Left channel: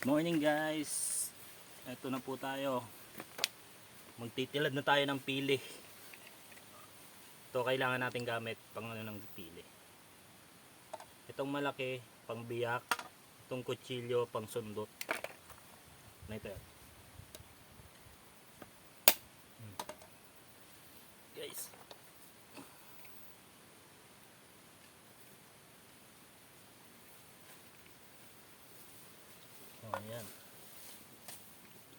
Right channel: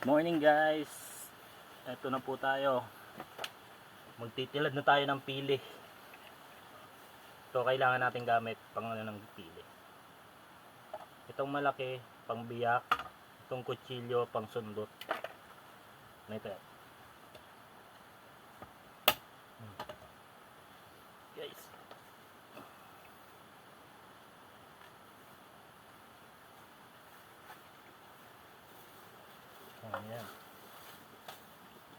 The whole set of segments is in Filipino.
Good morning guys. Ito na po tayo. Magtitilad na tayo ng pili. Ito kailangan natin gamit pang ano ng pili. Itong malaki pang biyak, itong kutsilyo pang sundot. Ito. Guys. Oh, yan.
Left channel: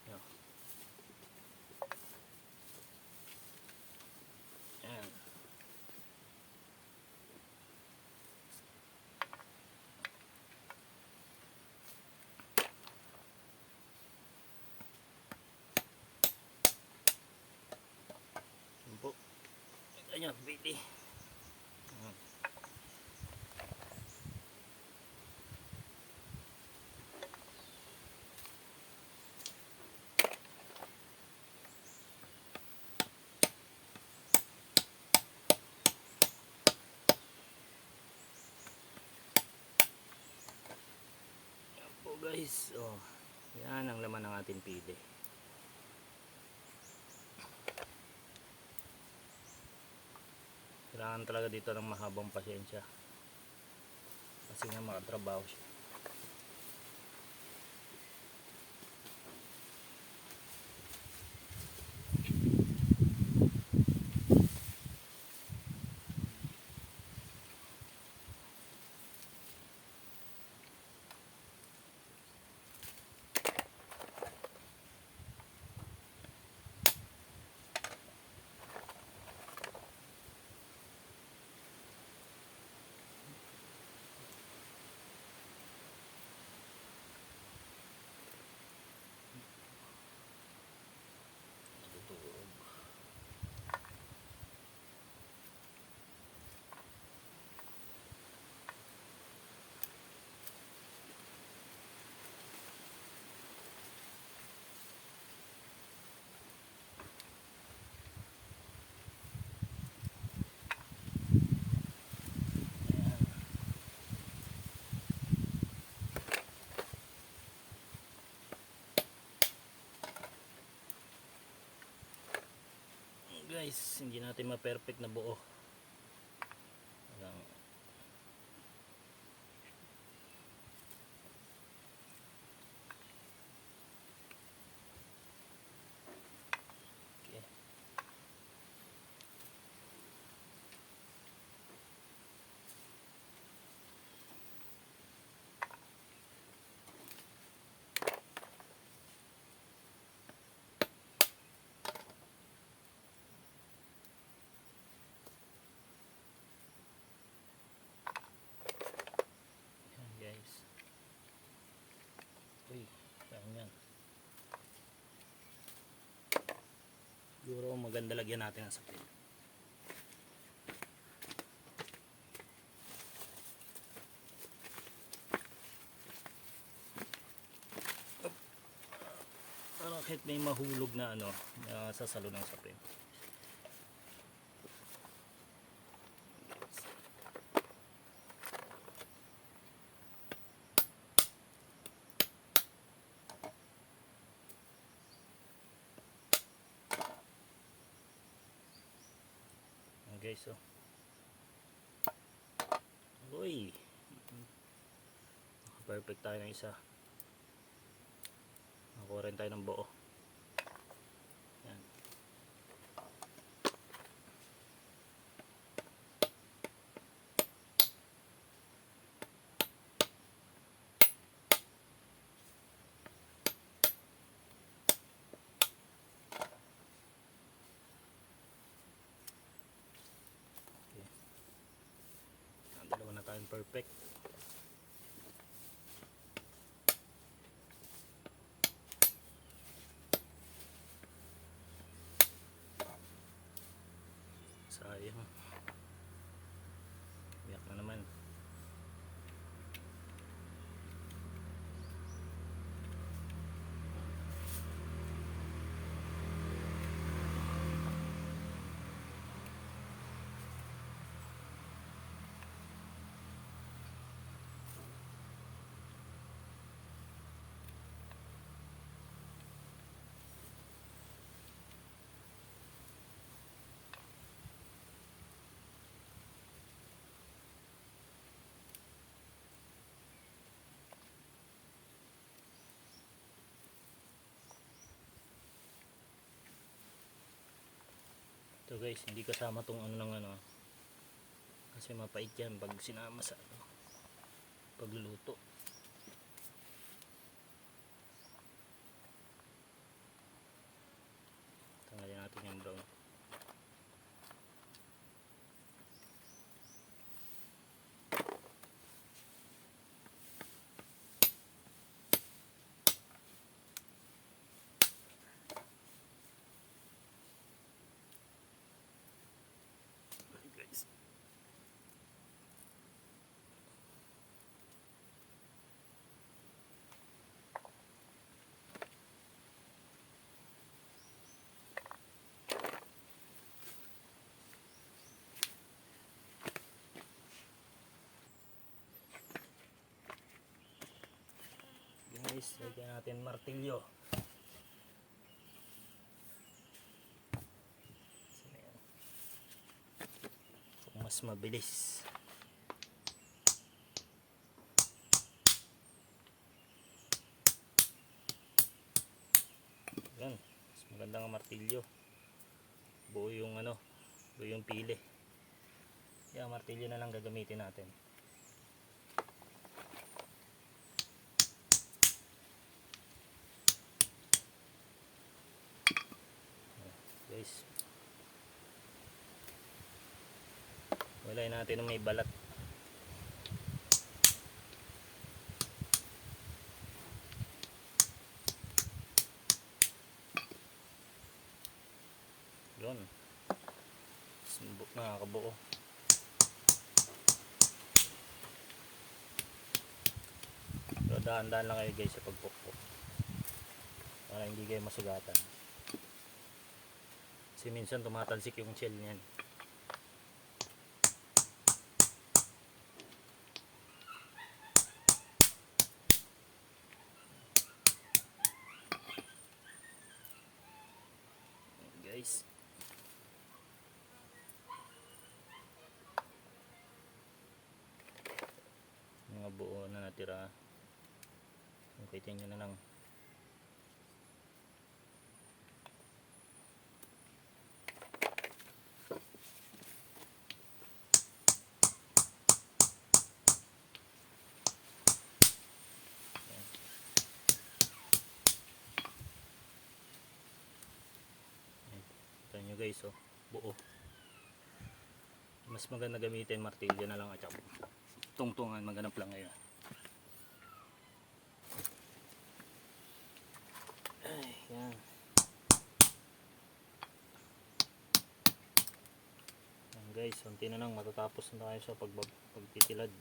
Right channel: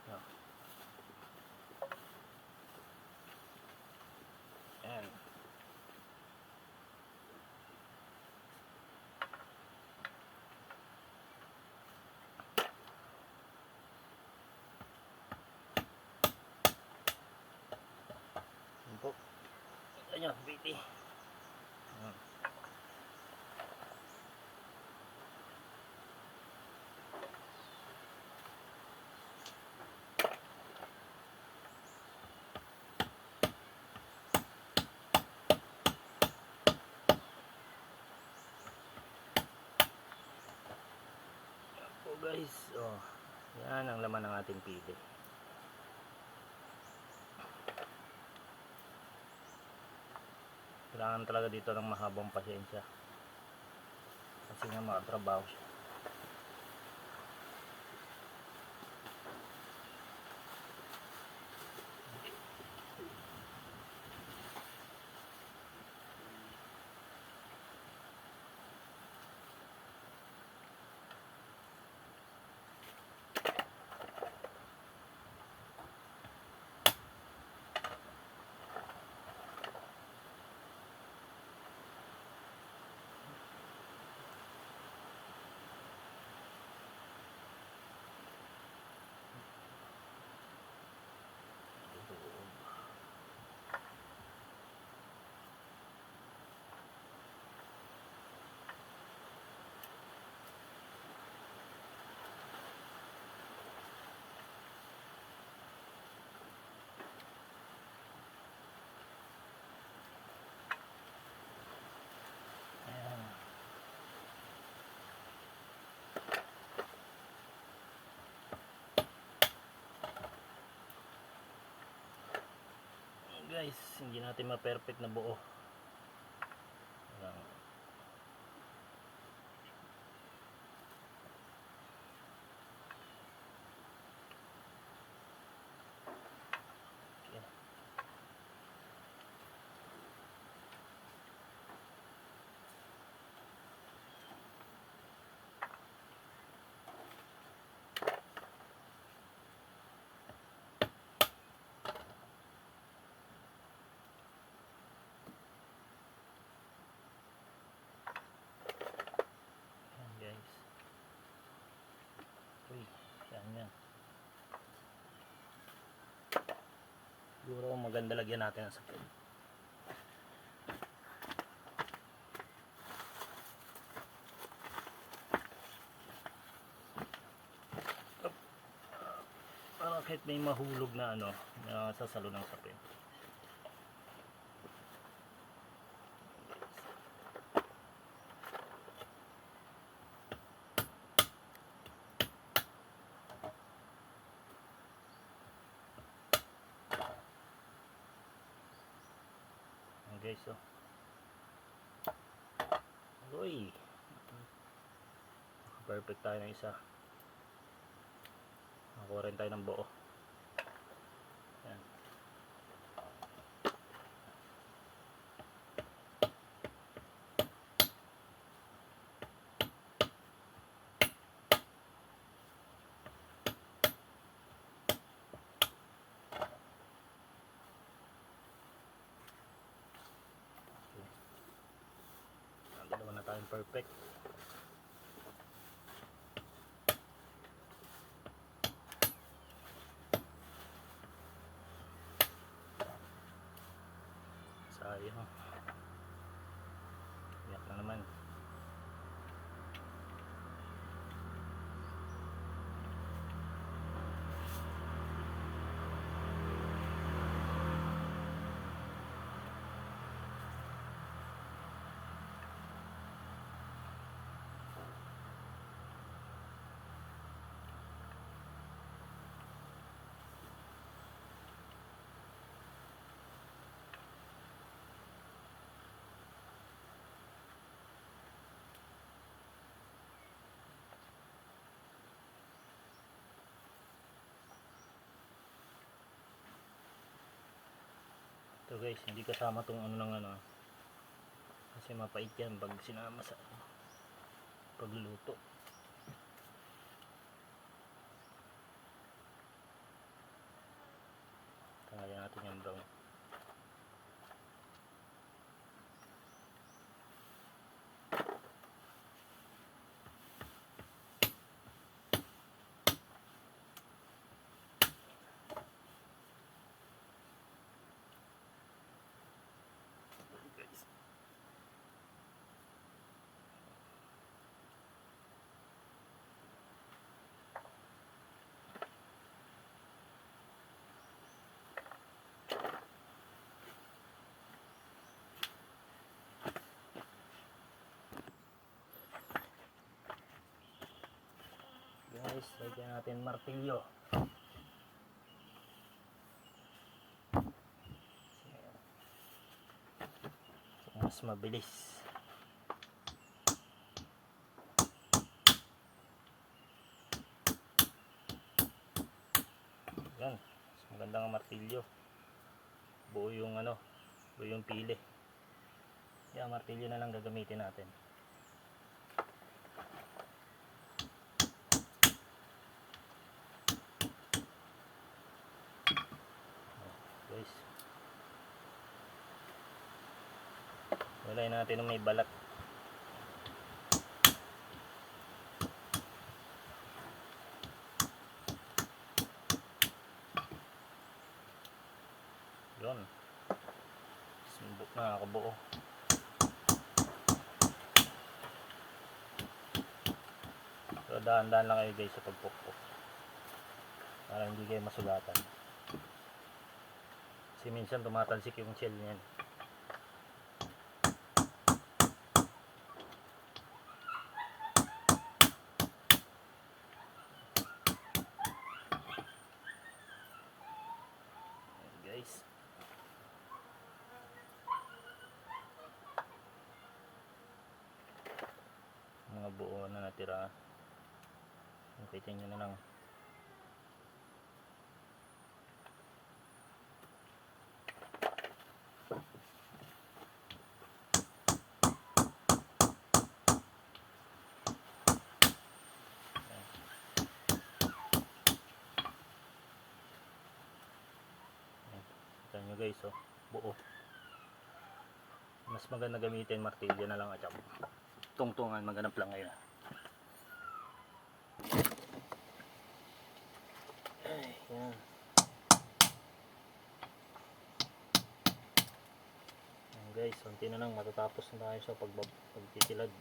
Yan. Yan po. Ayan, baby. Ayan. Guys, oh, yan ang laman ng ating pili. Kailangan talaga dito ng mahabang pasensya kasi nga makatrabaho siya. Guys, hindi natin ma-perfect na buo. Ayan. Okay. Guys. Uy, yan. Siguro maganda lagyan natin ang sapin. Para kahit may mahulog na ano, na sasalo ng sapin. Guys, so uy, perfect tayo ng isa, nakuha rin tayo ng buo. Yan. Dalawa na tayong perfect. Sayang. Iyak na naman. Ito guys, hindi kasama tong ano ng ano. Kasi mapait yan pag sinama sa pagluluto. Tanggalin natin yung brown. Guys. Guys, lagyan natin martilyo. Mas mabilis. Yan, mas magandang martilyo. Buo yung ano, buo yung pili. Yan, martilyo na lang gagamitin natin. Guys, walay natin ng may balat. Yun, sumbok na, nakabuo. So dahan-dahan lang kayo guys sa pagpukpok para hindi kayo masugatan. Kasi minsan tumatalsik yung shell niyan. Guys, mga buo na natira, kita nyo na lang. Kita nyo guys, oh, buo. Mas maganda gamitin martilyo na lang at saka tungtungan, maganap lang ngayon. Ay, yan. Yan guys, unti na lang matatapos na tayo sa pagtitilad.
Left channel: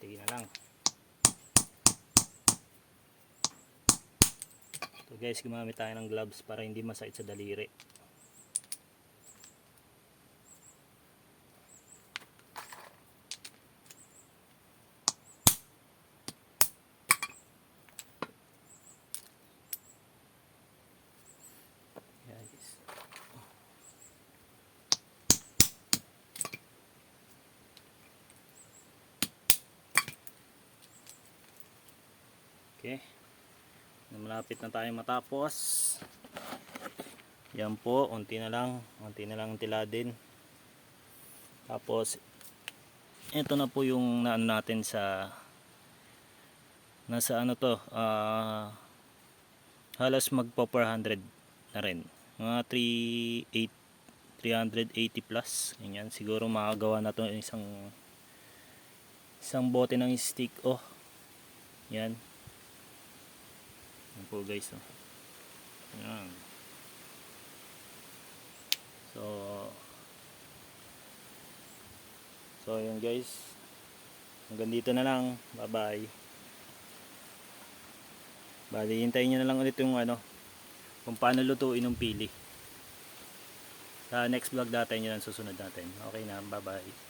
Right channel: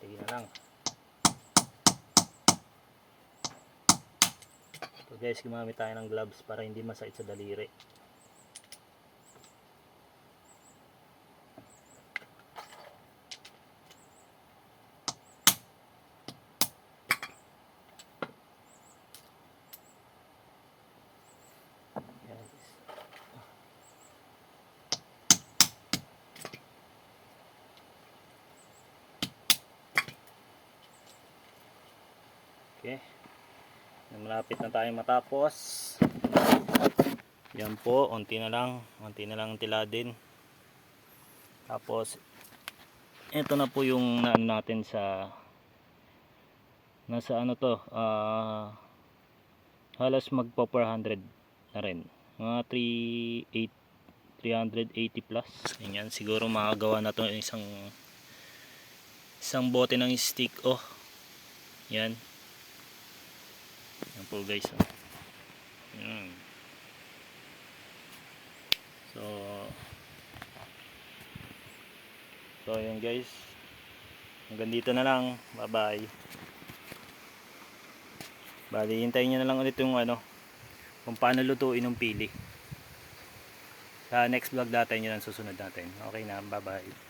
Tingin na lang. So guys, gumamit tayo ng gloves para hindi masakit sa daliri. Okay, malapit na tayo matapos. Yan po, unti na lang tiladin. Tapos ito na po yung naano natin sa nasa ano to, halos magpo 400 na rin, mga 380 plus. Ganyan, siguro makagawa na to isang bote ng stick. Oh, yan. Yan po guys, oh. Yan. So yan guys, hanggang dito na lang. Bye bye. Bali, hintayin nyo na lang ulit yung ano, kung paano lutuin ng pili. Sa next vlog natin, yun ang susunod natin. Okay na, bye bye.